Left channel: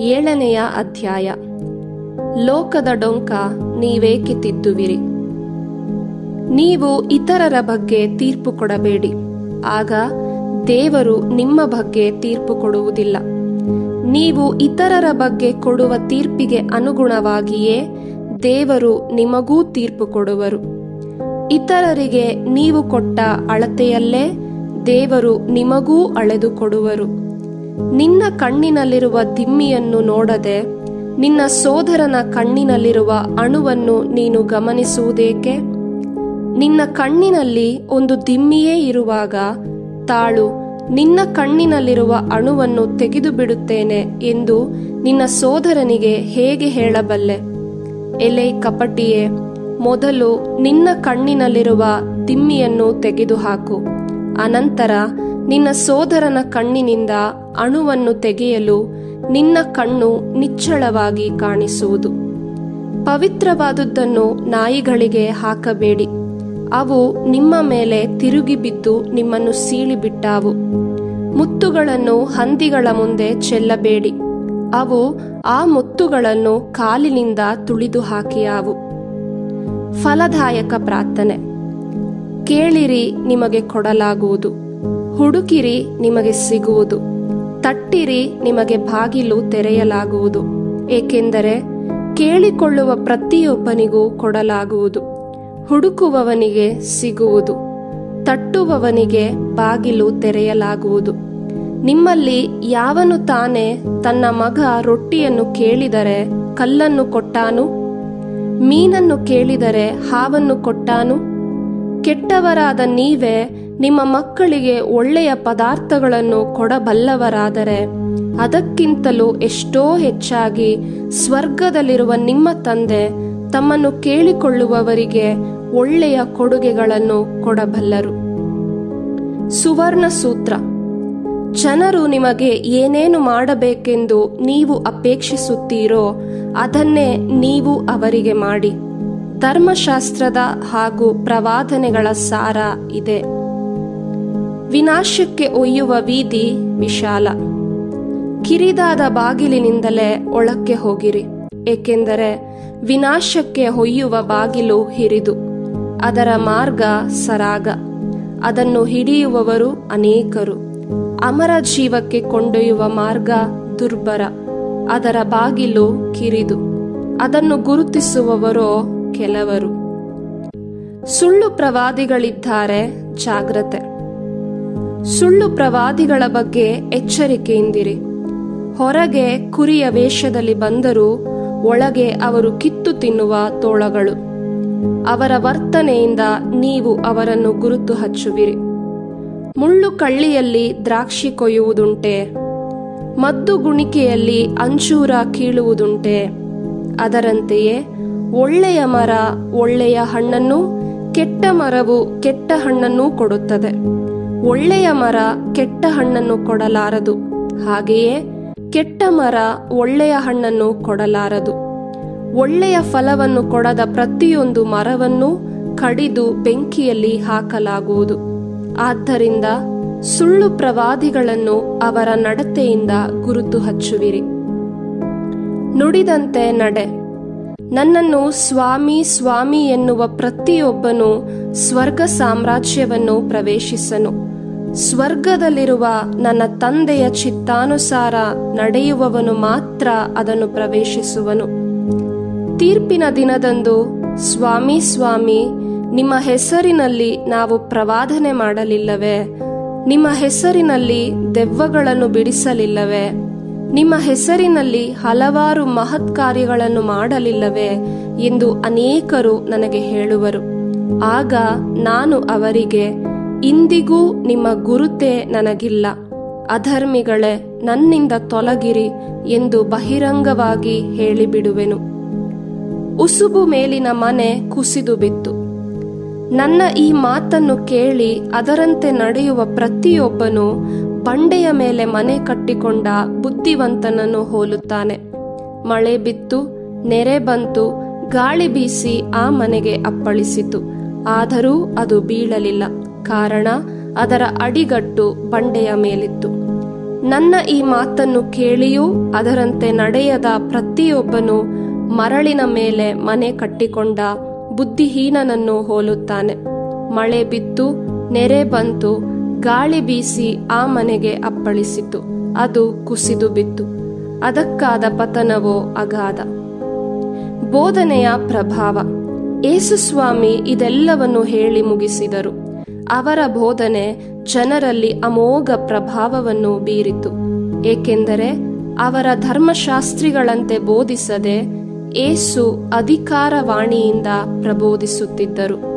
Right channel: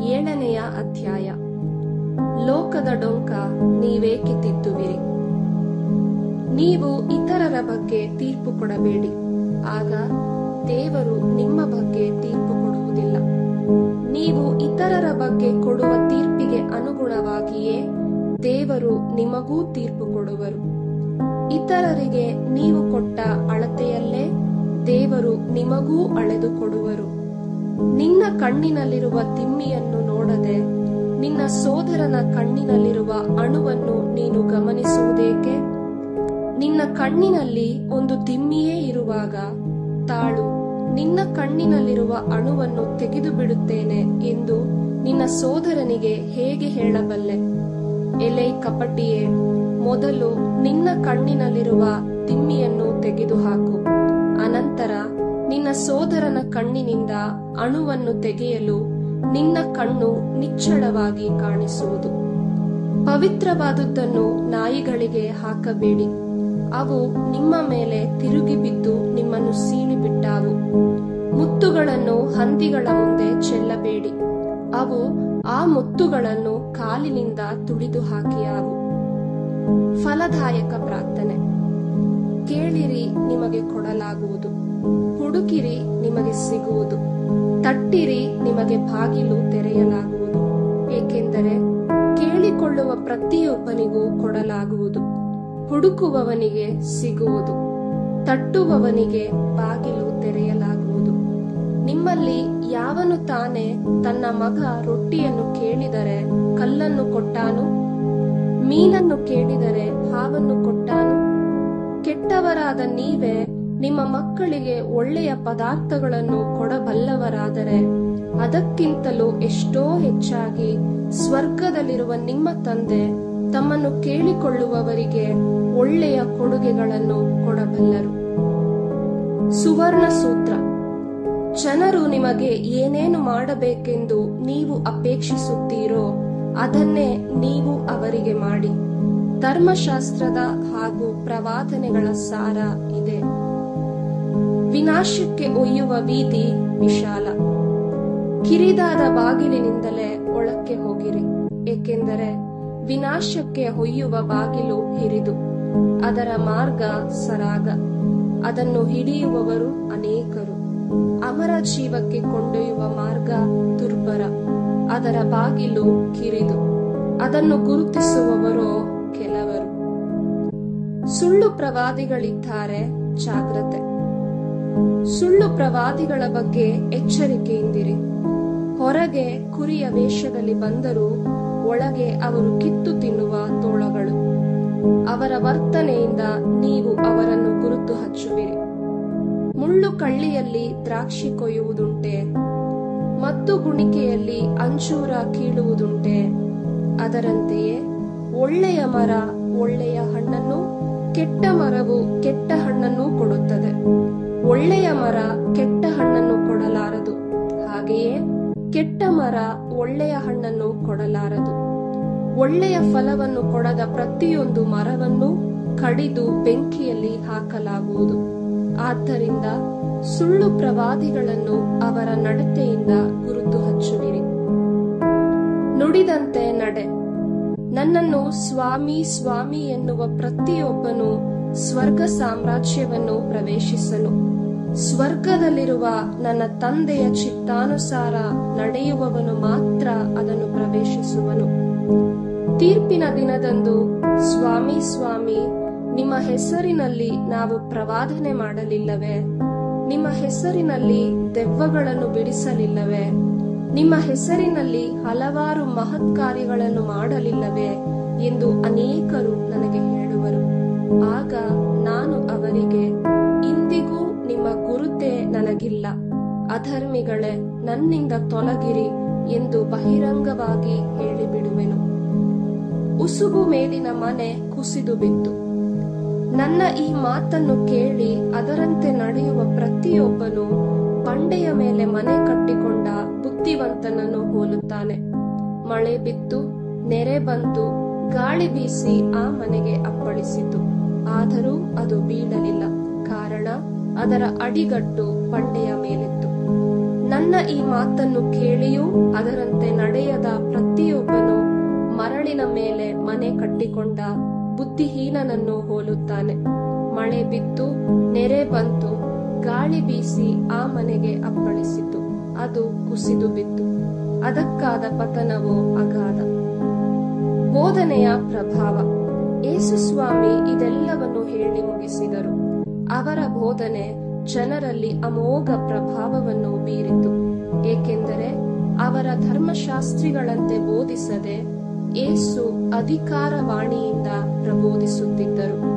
7ನೆಯ ಅಧ್ಯಾಯ. ಲೋಕದ ಡೊಂಕ ನೀವೇಕೆ ತಿದ್ದುವಿರಿ? ನೀವು ಇತರರ ಬಗ್ಗೆ ತೀರ್ಪು ಕೊಡಬೇಡಿ, ಆಗ ದೇವರು ನಿಮ್ಮ ಬಗ್ಗೆ ತೀರ್ಪು ಕೊಡುವುದಿಲ್ಲ. ನೀವು ಇತರರ ಬಗ್ಗೆ ಕೊಡುವ ತೀರ್ಪಿಗೆ ಅನುಗುಣವಾಗಿಯೇ ದೇವರು ನಿಮಗೂ ತೀರ್ಪು ಕೊಡುವರು. ಇತರರಿಗೆ ನೀವು ಕೊಟ್ಟ ಅಳತೆಯಲ್ಲೇ ದೇವರು ನಿಮಗೂ ಅಳೆದು ಕೊಡುವರು. ನಿನ್ನ ಕಣ್ಣಿನಲ್ಲಿರುವ ದಿಮ್ಮಿಯನ್ನು ನೋಡದೆ ನಿನ್ನ ಸೋದರನ ಕಣ್ಣಿನಲ್ಲಿರುವ ಅಣುವನ್ನು ನೀನು ಗಮನಿಸುವುದೇಕೆ? ನಿನ್ನ ಕಣ್ಣಿನಲ್ಲಿ ಒಂದು ದಿಮ್ಮಿಯೇ ಇರುವಾಗ ತಾಳು, ನಿನ್ನ ಕಣ್ಣಿನಲ್ಲಿರುವ ಅಣುವನ್ನು ತೆಗೆದು ಬಿಡುತ್ತೇನೆ ಎಂದು ನಿನ್ನ ಸೋದರನಿಗೆ ಹೇಗೆ ಹೇಳಬಲ್ಲೆ? ಎಲೈ ಕಪಟಿಯೇ, ಮೊದಲು ನಿನ್ನ ಕಣ್ಣಿನಲ್ಲಿರುವ ದಿಮ್ಮಿಯನ್ನು ತೆಗೆದುಹಾಕು, ಅನಂತರ ನಿನ್ನ ಸೋದರನ ಕಣ್ಣಿನಿಂದ ಅಣುವನ್ನು ತೆಗೆಯಲು ನಿನ್ನ ಕಣ್ಣು ನಿಚ್ಚಳವಾಗಿ ಕಾಣಿಸುವುದು. ಪವಿತ್ರವಾದುದನ್ನು ನಾಯಿಗಳಿಗೆ ಹಾಕಬೇಡಿ, ಅವು ನಿಮ್ಮ ಮೇಲೆ ತಿರುಗಿ ಬಿದ್ದು ನಿಮ್ಮನ್ನು ಸೀಳಿಬಿಟ್ಟಾವು. ಮುತ್ತುಗಳನ್ನು ಹಂದಿಗಳ ಮುಂದೆ ಚೆಲ್ಲಬೇಡಿ, ಅವು ಆ ಮುತ್ತುಗಳನ್ನು ಕಾಲಿನಿಂದ ತುಳಿದು ಹಾಕಿಯಾವು. ಫಲದಾಯಕ ಪ್ರಾರ್ಥನೆ. ಕೇಳಿರಿ, ನಿಮಗೆ ಕೊಡಲಾಗುವುದು, ಹುಡುಕಿರಿ, ನಿಮಗೆ ಸಿಗುವುದು, ತಟ್ಟಿರಿ, ನಿಮಗೆ ಬಾಗಿಲು ತೆರೆಯಲಾಗುವುದು. ಏಕೆಂದರೆ ಕೇಳಿಕೊಳ್ಳುವ ಪ್ರತಿಯೊಬ್ಬನಿಗೂ ಕೊಡಲಾಗುವುದು, ಹುಡುಕುವವನಿಗೆ ಸಿಗುವುದು, ತಟ್ಟುವವನಿಗೆ ಬಾಗಿಲು ತೆರೆಯಲಾಗುವುದು. ನಿಮ್ಮಲ್ಲಿ ಯಾವನು ತಾನೇ ತನ್ನ ಮಗ ರೊಟ್ಟಿಯನ್ನು ಕೇಳಿದರೆ ಕಲ್ಲನ್ನು ಕೊಟ್ಟಾನು? ಮೀನನ್ನು ಕೇಳಿದರೆ ಹಾವನ್ನು ಕೊಟ್ಟಾನು? ಕೆಟ್ಟವರಾದ ನೀವೇ ನಿಮ್ಮ ಮಕ್ಕಳಿಗೆ ಒಳ್ಳೆಯ ಪದಾರ್ಥಗಳನ್ನು ಕೊಡಬಲ್ಲವರಾದರೆ ಅದಕ್ಕಿಂತಲೂ ಎಷ್ಟೋ ಹೆಚ್ಚಾಗಿ ಸ್ವರ್ಗದಲ್ಲಿರುವ ನಿಮ್ಮ ತಂದೆ ತಮ್ಮನ್ನು ಕೇಳಿಕೊಳ್ಳುವವರಿಗೆ ಒಳ್ಳೆಯ ಕೊಡುಗೆಗಳನ್ನು ಕೊಡಬಲ್ಲರು. ಸುವರ್ಣ ಸೂತ್ರ. ಜನರು ನಿಮಗೆ ಏನೇನು ಮಾಡಬೇಕೆಂದು ನೀವು ಅಪೇಕ್ಷಿಸುತ್ತೀರೋ ಅದನ್ನೇ ನೀವು ಅವರಿಗೆ ಮಾಡಿ. ಧರ್ಮಶಾಸ್ತ್ರದ ಹಾಗೂ ಪ್ರವಾದನೆಗಳ ಸಾರ ಇದೆ. ವಿನಾಶಕ್ಕೆ ಒಯ್ಯುವ ವೀದಿ ವಿಶಾಲ, ಕಿರಿದಾದ ಬಾಗಿಲಿನಿಂದಲೇ ಒಳಕ್ಕೆ ಹೋಗಿರಿ, ಏಕೆಂದರೆ ವಿನಾಶಕ್ಕೆ ಒಯ್ಯುವ ಬಾಗಿಲು ಹಿರಿದು, ಅದರ ಮಾರ್ಗ ಸರಾಗ, ಅದನ್ನು ಹಿಡಿಯುವವರು ಅನೇಕರು. ಅಮರ ಜೀವಕ್ಕೆ ಕೊಂಡೊಯ್ಯುವ ಮಾರ್ಗ ದುರ್ಬರ, ಅದರ ಬಾಗಿಲು ಕಿರಿದು, ಅದನ್ನು ಗುರುತಿಸುವವರೋ ಕೆಲವರು. ಸುಳ್ಳು ಪ್ರವಾದಿಗಳಿದ್ದಾರೆ, ಜಾಗ್ರತೆ. ಸುಳ್ಳು ಪ್ರವಾದಿಗಳ ಬಗ್ಗೆ ಎಚ್ಚರಿಕೆಯಿಂದಿರಿ. ಹೊರಗೆ ಕುರಿಯ ವೇಷದಲ್ಲಿ ಬಂದರೂ ಒಳಗೆ ಅವರು ಕಿತ್ತು ತಿನ್ನುವ ತೋಳಗಳು. ಅವರ ವರ್ತನೆಯಿಂದ ನೀವು ಅವರನ್ನು ಗುರುತು ಹಚ್ಚುವಿರಿ. ಮುಳ್ಳು ಕಳ್ಳಿಯಲ್ಲಿ ದ್ರಾಕ್ಷಿ ಕೊಯ್ಯುವುದುಂಟೆ? ಮದ್ದು ಗುಣಿಕೆಯಲ್ಲಿ ಅಂಜೂರ ಕೀಳುವುದುಂಟೆ? ಅದರಂತೆಯೇ ಒಳ್ಳೆಯ ಮರ ಒಳ್ಳೆಯ ಹಣ್ಣನ್ನು, ಕೆಟ್ಟ ಮರವು ಕೆಟ್ಟ ಹಣ್ಣನ್ನು ಕೊಡುತ್ತದೆ. ಒಳ್ಳೆಯ ಮರ ಕೆಟ್ಟ ಹಣ್ಣನ್ನು ಕೊಡಲಾರದು, ಹಾಗೆಯೇ ಕೆಟ್ಟ ಮರ ಒಳ್ಳೆಯ ಹಣ್ಣನ್ನು ಕೊಡಲಾರದು. ಒಳ್ಳೆಯ ಫಲವನ್ನು ಕೊಡದ ಪ್ರತಿಯೊಂದು ಮರವನ್ನು ಕಡಿದು ಬೆಂಕಿಯಲ್ಲಿ ಹಾಕಲಾಗುವುದು. ಆದ್ದರಿಂದ ಸುಳ್ಳು ಪ್ರವಾದಿಗಳನ್ನು ಅವರ ನಡತೆಯಿಂದ ಗುರುತು ಹಚ್ಚುವಿರಿ. ನುಡಿದಂತೆ ನಡೆ. ನನ್ನನ್ನು ಸ್ವಾಮಿ ಸ್ವಾಮಿ ಎನ್ನುವ ಪ್ರತಿಯೊಬ್ಬನು ಸ್ವರ್ಗ ಸಾಮ್ರಾಜ್ಯವನ್ನು ಪ್ರವೇಶಿಸನು. ಸ್ವರ್ಗದಲ್ಲಿರುವ ನನ್ನ ತಂದೆಯ ಚಿತ್ತಾನುಸಾರ ನಡೆಯುವವನು ಮಾತ್ರ ಅದನ್ನು ಪ್ರವೇಶಿಸುವನು. ತೀರ್ಪಿನ ದಿನದಂದು ಸ್ವಾಮಿ ಸ್ವಾಮಿ, ನಿಮ್ಮ ಹೆಸರಿನಲ್ಲಿ ನಾವು ಪ್ರವಾದನೆ ಮಾಡಲಿಲ್ಲವೇ? ನಿಮ್ಮ ಹೆಸರಿನಲ್ಲಿ ದೆವ್ವಗಳನ್ನು ಬಿಡಿಸಲಿಲ್ಲವೇ? ನಿಮ್ಮ ಹೆಸರಿನಲ್ಲಿ ಹಲವಾರು ಮಹತ್ ಕಾರ್ಯಗಳನ್ನು ಮಾಡಲಿಲ್ಲವೇ ಎಂದು ಅನೇಕರು ನನಗೆ ಹೇಳುವರು. ಆಗ ನಾನು ಅವರಿಗೆ, ಇಂದಿಗೂ ನಿಮ್ಮ ಗುರುತೇ ನನಗಿಲ್ಲ, ಅಧರ್ಮಿಗಳೇ, ನನ್ನಿಂದ ತೊಲಗಿರಿ ಎಂದು ಬಹಿರಂಗವಾಗಿ ಹೇಳಿಬಿಡುವೆನು. ಉಸುಬು ಮೇಲಿನ ಮನೆ ಕುಸಿದು ಬಿತ್ತು. ನನ್ನ ಈ ಮಾತನ್ನು ಕೇಳಿ ಅದರಂತೆ ನಡೆಯುವ ಪ್ರತಿಯೊಬ್ಬನು ಬಂಡೆಯ ಮೇಲೆ ಮನೆ ಕಟ್ಟಿಕೊಂಡ ಬುದ್ಧಿವಂತನನ್ನು ಹೋಲುತ್ತಾನೆ. ಮಳೆ ಬಿತ್ತು, ನೆರೆ ಬಂತು, ಗಾಳಿ ಬೀಸಿ ಆ ಮನೆಗೆ ಅಪ್ಪಳಿಸಿತು, ಆದರೂ ಅದು ಬೀಳಲಿಲ್ಲ, ಕಾರಣ ಅದರ ಅಡಿಗಟ್ಟು ಬಂಡೆಯ ಮೇಲಿತ್ತು. ನನ್ನ ಈ ಮಾತನ್ನು ಕೇಳಿಯೂ ಅದರಂತೆ ನಡೆಯದ ಪ್ರತಿಯೊಬ್ಬನು ಮರಳಿನ ಮೇಲೆ ಮನೆ ಕಟ್ಟಿಕೊಂಡ ಬುದ್ಧಿಹೀನನನ್ನು ಹೋಲುತ್ತಾನೆ. ಮಳೆ ಬಿತ್ತು, ನೆರೆ ಬಂತು, ಗಾಳಿ ಬೀಸಿ ಆ ಮನೆಗೆ ಅಪ್ಪಳಿಸಿತು, ಅದು ಕುಸಿದು ಬಿತ್ತು. ಅದಕ್ಕಾದ ಪತನವೋ ಅಗಾಧ. ಬೋಧನೆಯ ಪ್ರಭಾವ. ಯೇಸುಸ್ವಾಮಿ ಇದೆಲ್ಲವನ್ನು ಹೇಳಿ ಮುಗಿಸಿದರು. ಅವರ ಬೋಧನೆ ಜನರಲ್ಲಿ ಅಮೋಘ ಪ್ರಭಾವವನ್ನು ಬೀರಿತು. ಏಕೆಂದರೆ ಅವರ ಧರ್ಮಶಾಸ್ತ್ರಿಗಳಂತೆ ಬೋಧಿಸದೆ ಯೇಸು ಅಧಿಕಾರವಾಣಿಯಿಂದ ಪ್ರಬೋಧಿಸುತ್ತಿದ್ದರು.